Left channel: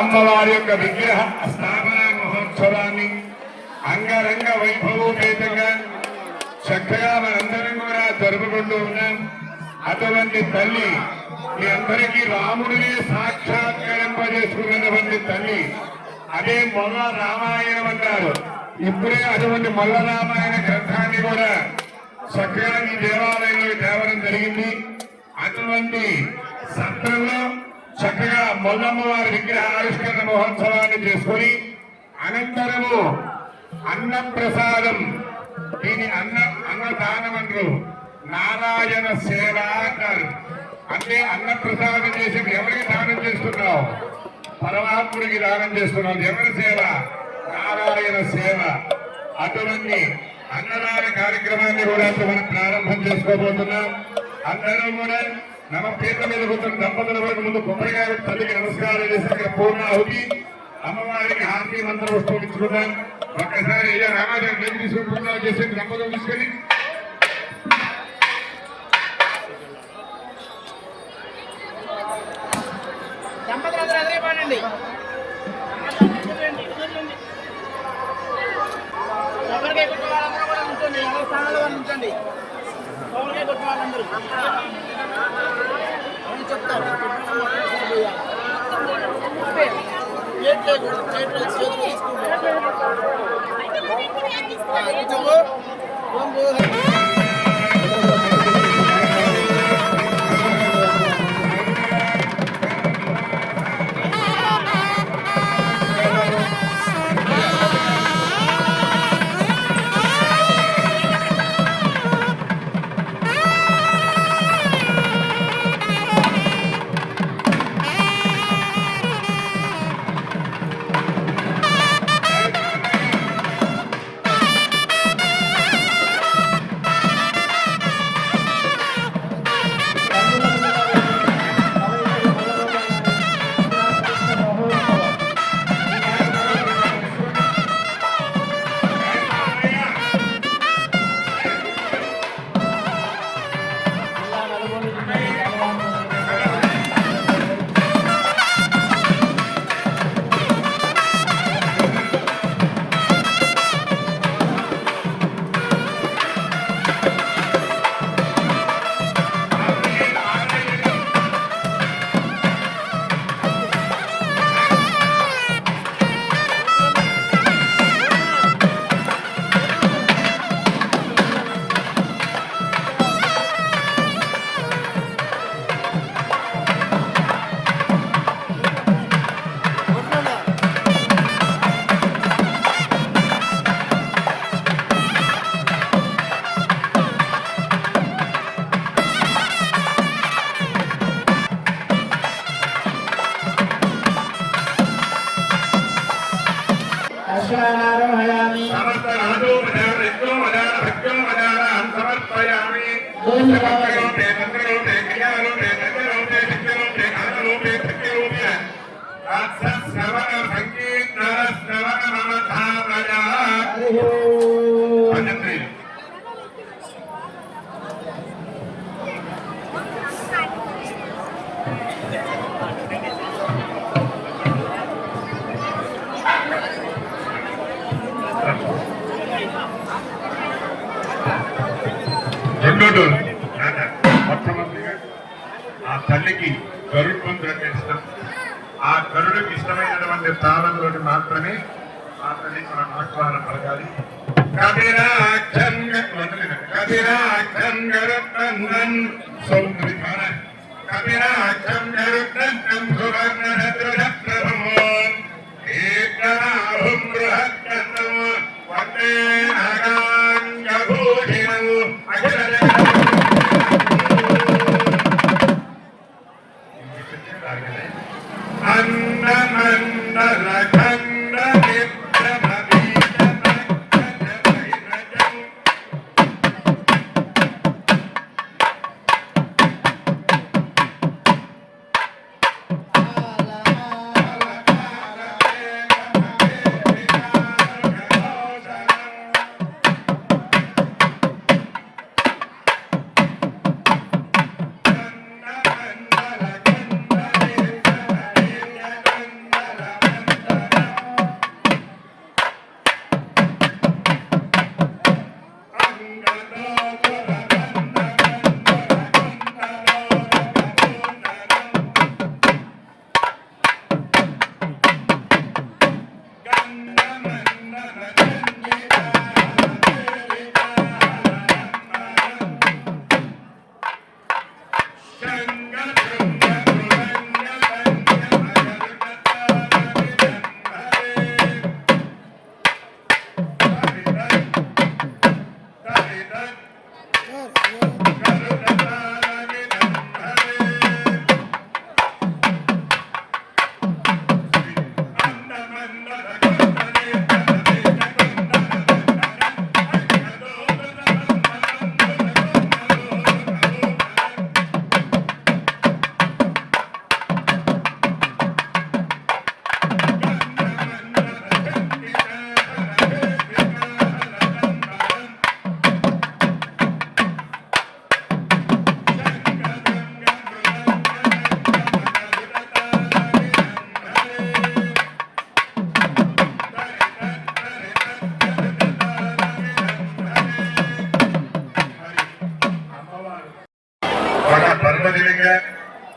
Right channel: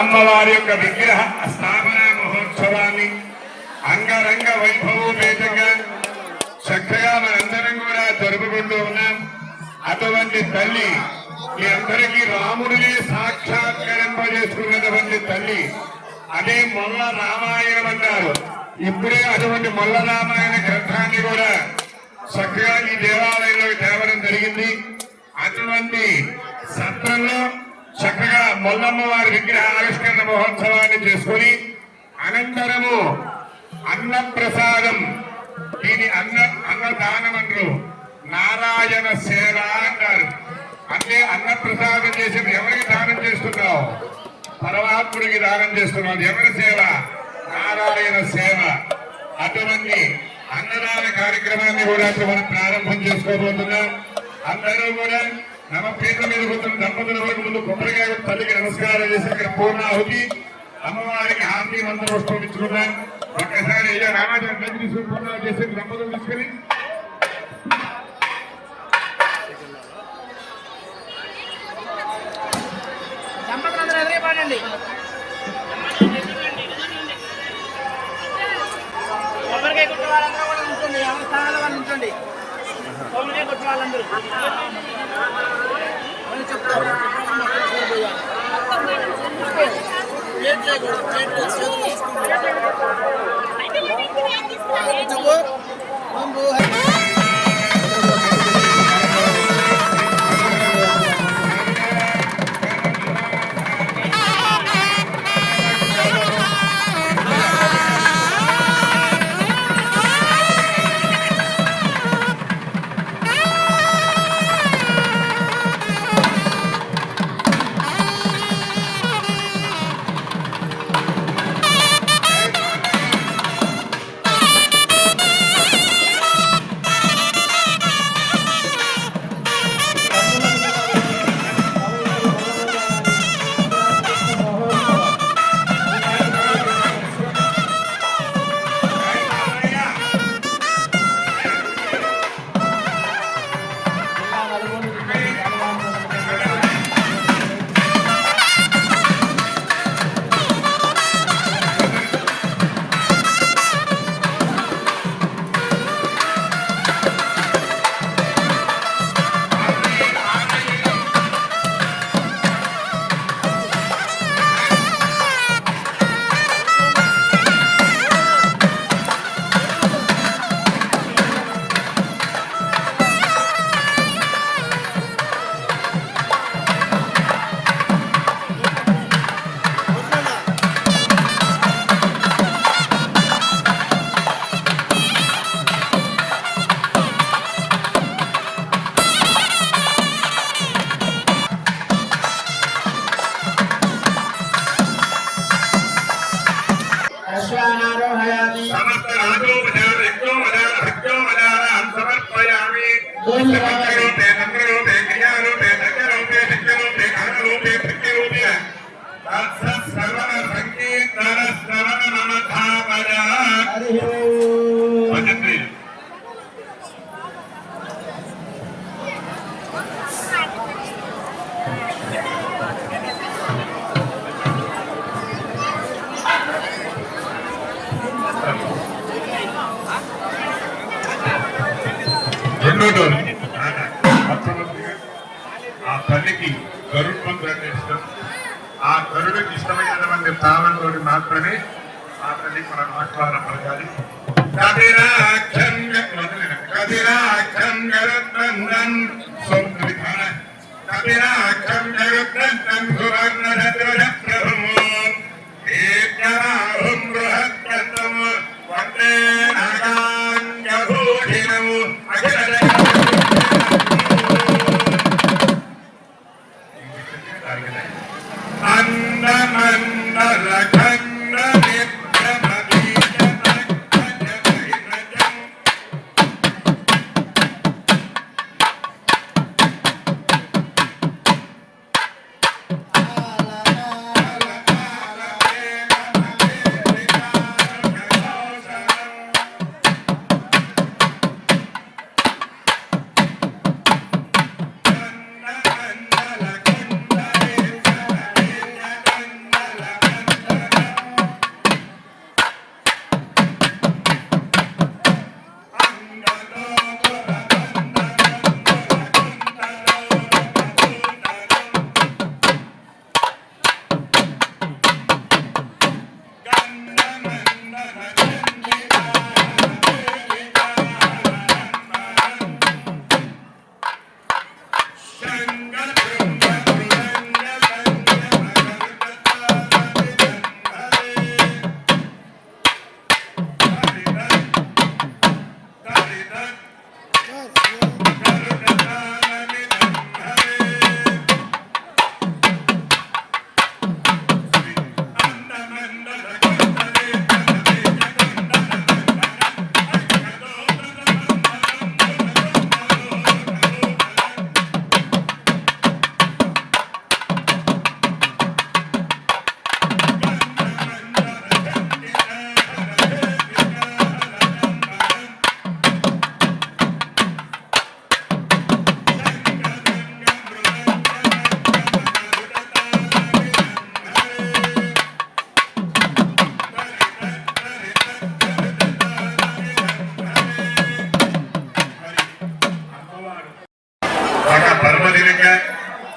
అమ్మవారి యొక్క విగ్రహ స్థాపన మహోత్సవాన్ని అంగరంగ వైభవోపేతంగా చక్కగా మనందరం కూడా జరుపుకుంటూ ఉన్నాం. అటువంటి తల్లి మీ అందరికీ రాముడిని సాక్షాత్కరింపజేసుకున్నటువంటి తల్లి అదే మొల్ల రామాయణం అన్నారు. ఇప్పుడే అటువంటి మొల్ల రామాయణ గ్రంథాన్ని కూడా చక్కగా ఈ దేవాలయంలో తేవడం జరిగింది. అటువంటి సత్రంలో చక్కగా మొల్లమ్మ వారి విగ్రహ ఆవిష్కరణ మహోత్సవాన్ని చేసుకుని అనంతరము అన్నప్రసాదం, దీని అన్నదానం అంటారు, నారాయణ సేవ అంటారు. అంటే అన్నప్రసాదం చేసి ఎవరికి దానం చేస్తున్నావు? పరమాత్ముడికి దానం చేస్తున్నావు. ఎవరి సేవ? నారాయణ సేవ. అటువంటి అన్నదాన కార్యక్రమాన్ని కూడా మనం ప్రారంభం చేసుకోబోతున్నాం. అందరూ కూడా నమ పీత మీద కూర్చున్న దంపతుల ముందు కొబ్బరికాయ తల్లికి నమస్కారం చేసి అక్కడ పూర్ణ అవుతి అమ్మవారికి హారతి మంత్రం వస్తుంచుకున్నాం. ఒక్కసారి రామాజన్ దగ్గర సూపర్ చేసి దంపతులు తీసుకొని కొబ్బరికాయ కొట్టే వాళ్ళందరూ కూడా ఉంచండి. ఎవరి స్థానాల వాళ్ళు ఉంచండి. కొబ్బరికాయ కొట్టే వాళ్ళందరూ చెప్తారు. ఫోటో మొట్టమొదటిగా ఆ తల్లికి గరుడ్ మంత్రం అంటే ఇష్టం. ఆ గరుడికి ఇష్టమైనటువంటి తాళంతో మాత్రమే ఆ తల్లికి మనం ఆహ్వానం పలకాలి. కపిరాక్షం గరుత్తందం సౌకర్య కపిరాక్షం గరుత్తందం సువర్ణరత్నం ఏకరాహం బృహత్కర్తం వందే నాగాంగభూషిణం అందమందర ఖండ పర్వదినంగా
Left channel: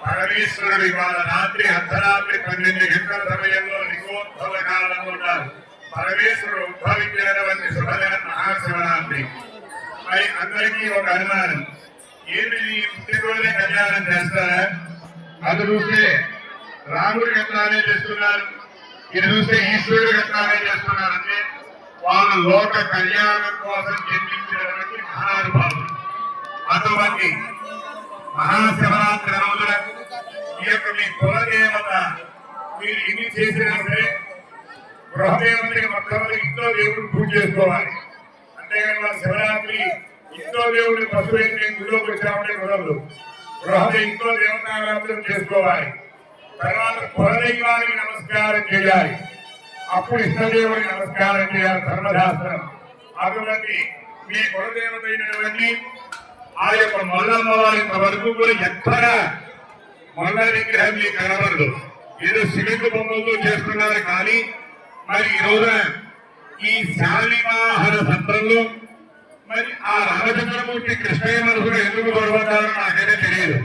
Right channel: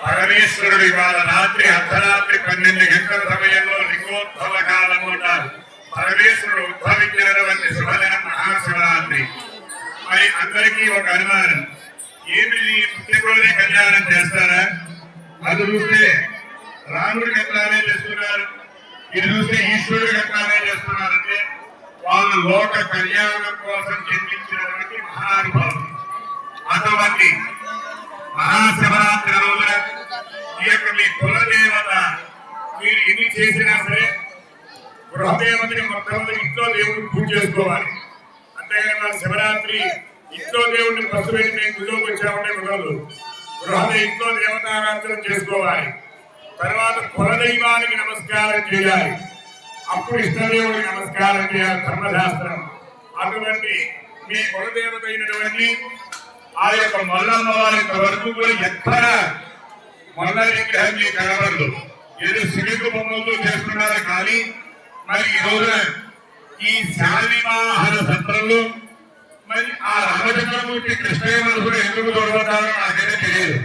పరమేశ్వరుడు ఇవాళ రాత్రి అర్ధరాత్రి 12 గంటల సమయంలో లింగోద్భవ కాలం ఉంటారు. పరమేశ్వరుడు ఉద్భవించినటువంటి శుభదినం మహాశివరాత్రి. మరి అందరికీ ఒక అనుమానం, ఏంటి పుట్టినరోజే కళ్యాణం చేస్తారా? అది చూస్తే రాముడికి ఎట్లానే చేస్తున్నారు, ఇది చూస్తే ఈశ్వరుడికి ఎట్లానే చేస్తున్నారంటే వాళ్ళు లోక కళ్యాణం కోసం జన్మించినటువంటి మహానుభావులు. అటువంటి మహాశివరాత్రి రోజున ఈ యొక్క మీ కులదేవత మీరు ఎన్ని చేసినా సరే గృహదేవతకి మొట్టమొదటి ఇంట్లో దేవుడిని పూజ చేసుకోవాలి. అంతేగాని మన శివరాత్రి ఇంట్లో దేవుడిని బస్సు పెట్టి మేము గుళ్ళోకి వచ్చామంటే కుదరదు. ఇంట్లో దేవతారాధన చేసుకోవాలి. తర్వాత కులదైవానికి నమస్కారం చేయాలి. అప్పుడు ఇష్టదేవుడికి నమస్కారం చేయాలి ధర్మశాస్త్రం. అటువంటి మీ కులదేవత అయినటువంటి ఆ యొక్క మల్లమ్మ వారి వరకు కూడా ఎక్కడ మొల్ల విగ్రహం మీకు కనబడదు. ఏదో శివుడికి బొమ్మలతో చేస్తున్నారు. కానీ మరి ఈ రోజున ఈ శాలివాహన సత్రంలో మరి ఆ రామచంద్రమూర్తి కృష్ణయ్య మనసులో ఎందుకు గొడవతారో నాకైతే తెలియదు.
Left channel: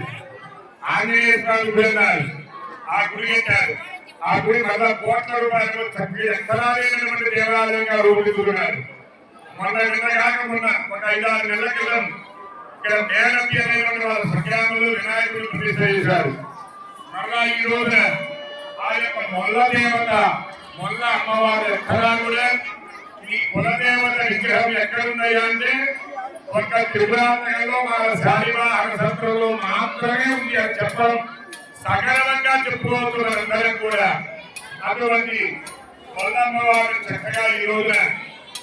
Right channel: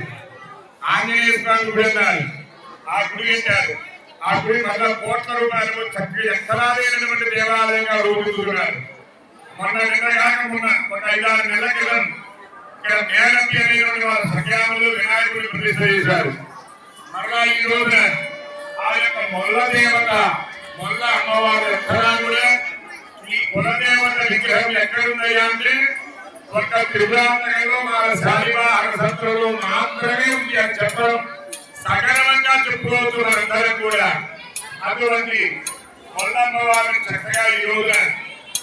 ఆంజనేయ స్వామి గుడి అన్నారు, ఆ గుడి కట్టారు. ఆ గుడి 100 కోట్ల రూపాయలు చక్కగా ఎక్కడాలైనటువంటి దేవాలయంగా రూపుదిద్దుకున్నారు. మొన్న కాక మొన్న ఒక 5-6 నెలల క్రితం ఇక్కడ మేనపి అనేటువంటి వాళ్ళ సంగ్రామంలో వినాయకుడిని ప్రతిష్ఠ చేశారు. మరలా ఈ రోజున ఆ యొక్క మొల్ల దేవత మొల్ల అమ్మవారి ఎక్కడా కూడా ఈ కులదేవత విగ్రహం ఎక్కడున్నాయా అంటే ఒక త్రిపురాంతకంలో మన శాలివాహన సత్రంలో మాత్రమే ఉంది అని చెప్పడం సగర్వంగా చెప్పుకోవచ్చు మనందరం కూడా. అటువంటి మొల్లమ్మవారిని చక్కగా ఈ రోజున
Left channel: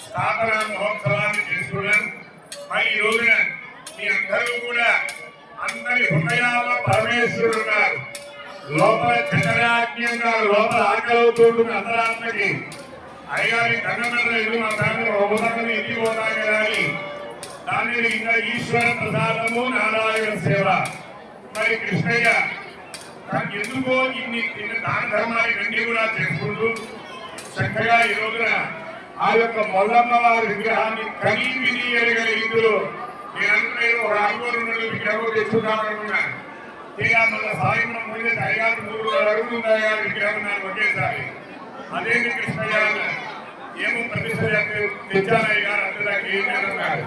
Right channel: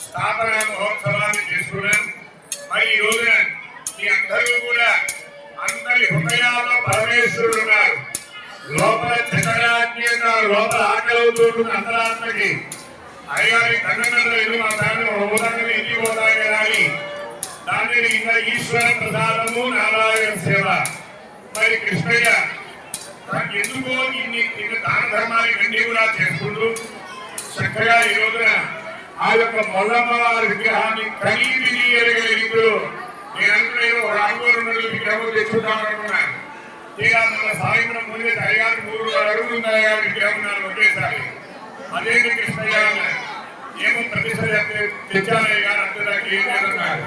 స్థాపన మహోత్సవాన్ని చేసుకున్నాం. మరి ఈ రోజున మీ అందరూ కూడా అందరి హృదయాల్లో పరమేశ్వరుడు ఉన్నారు. లోపల చంద్రాజ్ఞంగా లోపల ఆకలితో అంతరాత్మకి అయ్యారి కన్నడలేదు మా ఫ్యామిలీ ఉదాహరణ ఇంటికి పోతాయి కదా అని దాన్ని ఇంకా ఈశ్వర ప్రసాదము నారాయణ సేవ. మరి కృష్ణయ్య ఎందుకో ఇన్ని దాన ధర్మాన్ని వెండి కూడా చేసుకుంటూ చక్కగా ఈ రోజున ఆ యొక్క మొల్లమ్మ వారి విగ్రహాన్ని కనీవిని ఎరగలిగితూ నేను అనుకునేది ఒక అడుగు 2 అడుగులు విగ్రహం తెచ్చుకుంటాననుకున్నాను. తీరా మన సాయంత్రం ముందు అయ్యారు 3 అడుగులు ఉన్నాయా విగ్రహం ఉన్నారు ఒకేసారి. అదేంటి కృష్ణయ్య అన్నారు. ఏమో ప్రతిసారి తెచ్చానయ్య గారు అంటే నాకు ఏం లేదన్నారు.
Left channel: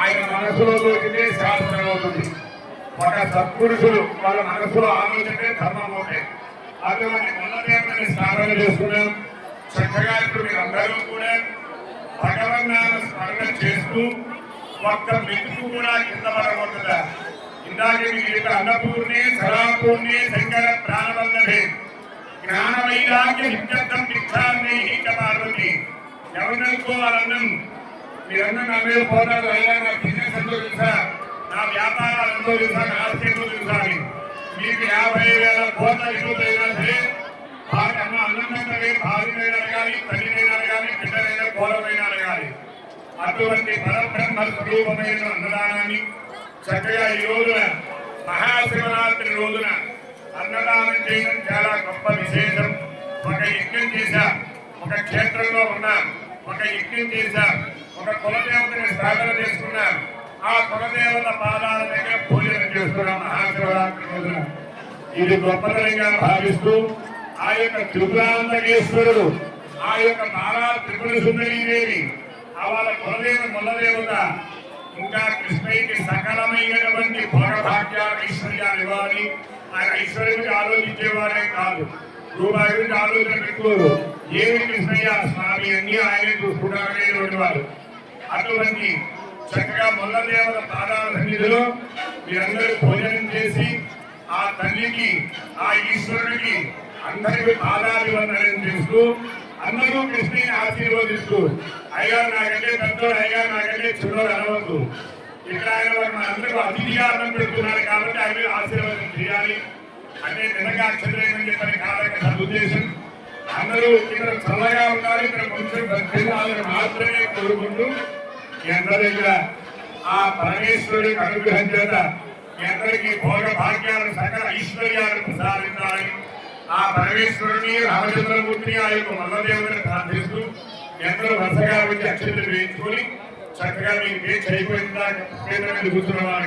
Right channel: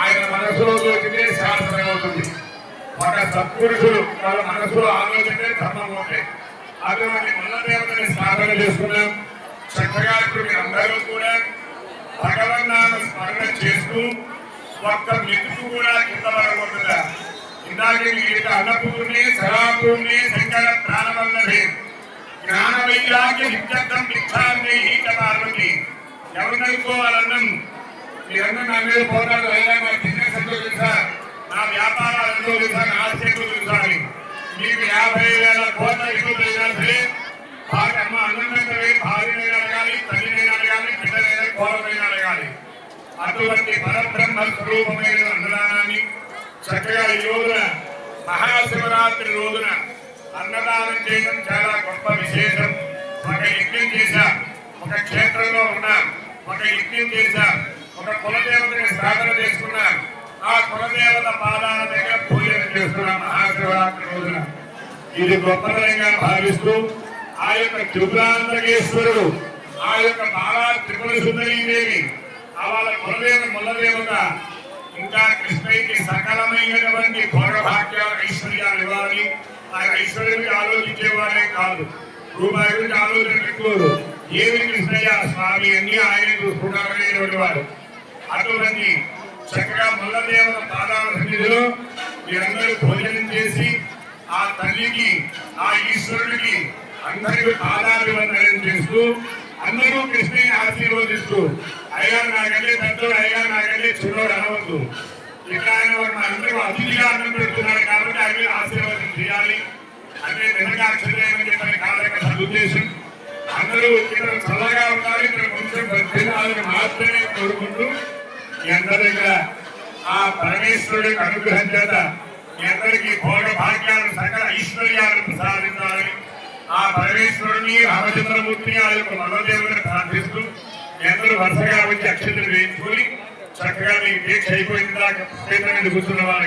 ఆయన మనసులో దొరికితే శాస్త్రం అవుతుంది. ఒక సత్పురుషులు వాళ్ళ మనసులో ఆలోచనే ధర్మం అవుతాయి. అటువంటి మల్లదేవతని స్థాపన చేసుకున్నాం. చక్కగా ఇప్పుడు మీరు అందరూ కూడా భగవన్నామ స్మరణ చేస్తూ ఒక్క మెతుకు కూడా కింద పడకూడదుగా. ఇందాక మీకు అన్నపూర్ణే సదాపూర్ణే శంకర ప్రాణవల్లభే జ్ఞాన వైరాగ్య నిత్యర్థం మిథ్యాన్నే పార్వతి. ఎవరిని అనుకోవాలన్నం మీరన్నా నా మీద పోతారు. అయినా నా బిజినెస్ ఎంతో తెలుసా, నా వ్యాపారాలు ఎంతో తెలుసా, నా ఆస్తి ఎంతో తెలుసా అని. మీకు 50,000 కోట్ల ఇల్లులైనా సరే భార్య అమ్మ అన్నంటే భార్యనైనా అడగాలి, తల్లినైనా అడగాలి, బిడ్డనైనా కోలమైనా అడగాలి. అటువంటి పరబ్రహ్మ స్వరూపమైన అన్నదానాన్ని చక్కగా ఈ రోజున మహాశివరాత్రి రోజున అన్నదానం చేయడం చాలా గొప్ప విశేషం. ఒక యజ్ఞం చేశాం, ఒక క్షేత్రంలో ఉన్నాం, ఒక యజ్ఞం చేశాం, ఒక కులదేవతని స్థాపన చేసుకున్నాం. ఆ కులదేవత పాదాల దగ్గర పూజలు చేస్తున్నాం మహాశివరాత్రి రోజున. ఇది గొప్పతనంగా భావిస్తూ ఆ యొక్క త్రిపురాంతకేశ్వరుడు, ఆ యొక్క బాలా త్రిపుర సుందరీదేవి, వాళ్ళ కులదేవత ముల్లదేవత ఇంకా కృష్ణయ్యకి సకలమైనటువంటి భోగభాగ్యాలు ఐశ్వర్యాలు ఇవ్వాలి. ఆయన ఐశ్వర్యానికి ఆలోచించేవాడే కాదు, రూపాయి గురించి ఆలోచన పెట్టుకోరు. ఏమి కృష్ణయ్య స్వామి అన్ని ఆయన చూసుకుంటారనేటువంటి వారు. అటువంటి చక్కగా ముల్లదేవత పాదాల సన్నిధిలో మీరందరూ భోజనం చేసి ఆ తల్లికి ఆ ఈశ్వరుడికి అందరికీ పాదాభివందనం చేస్తూ అందరూ కృష్ణని ఆశీర్వదిస్తూ అయ్యగారు నాకంటే పెద్దోడు, అయ్యగారు నాకంటే చిన్నోడు అనవద్దు. ఇక్కడ ఆయన మనందరికీ అతిథిగా అన్నం పెడుతున్నారు కాబట్టి ఆయన మీద ఆశీర్వాదం చేయాలి అంటే నిజంగా అక్షరేమని చెప్పని కాదక సదుద్దేశం. అందరూ ఇక్కడ చల్లగా ఉండాలి, ఇక్కడ కొంచెం మాత్రమే కోరుకుంటూ మీ అందరి దగ్గర ఆ పరమేశ్వరుడి అనుగ్రహం చేత మీ అందరికీ భోగ భాగ్యాలు సకల ఐశ్వర్యాలు ప్రసాదించాలని ఆ పరమేశ్వరుని రామచంద్రమూర్తిని ఆ యొక్క మల్లదేవుని ప్రార్థిస్తూ ఎందరూ వరుసగా వచ్చి అక్షతలు వేయించుకొని చక్కగా మీ దీక్ష అయిపోయిందా కూర్చున్న వారు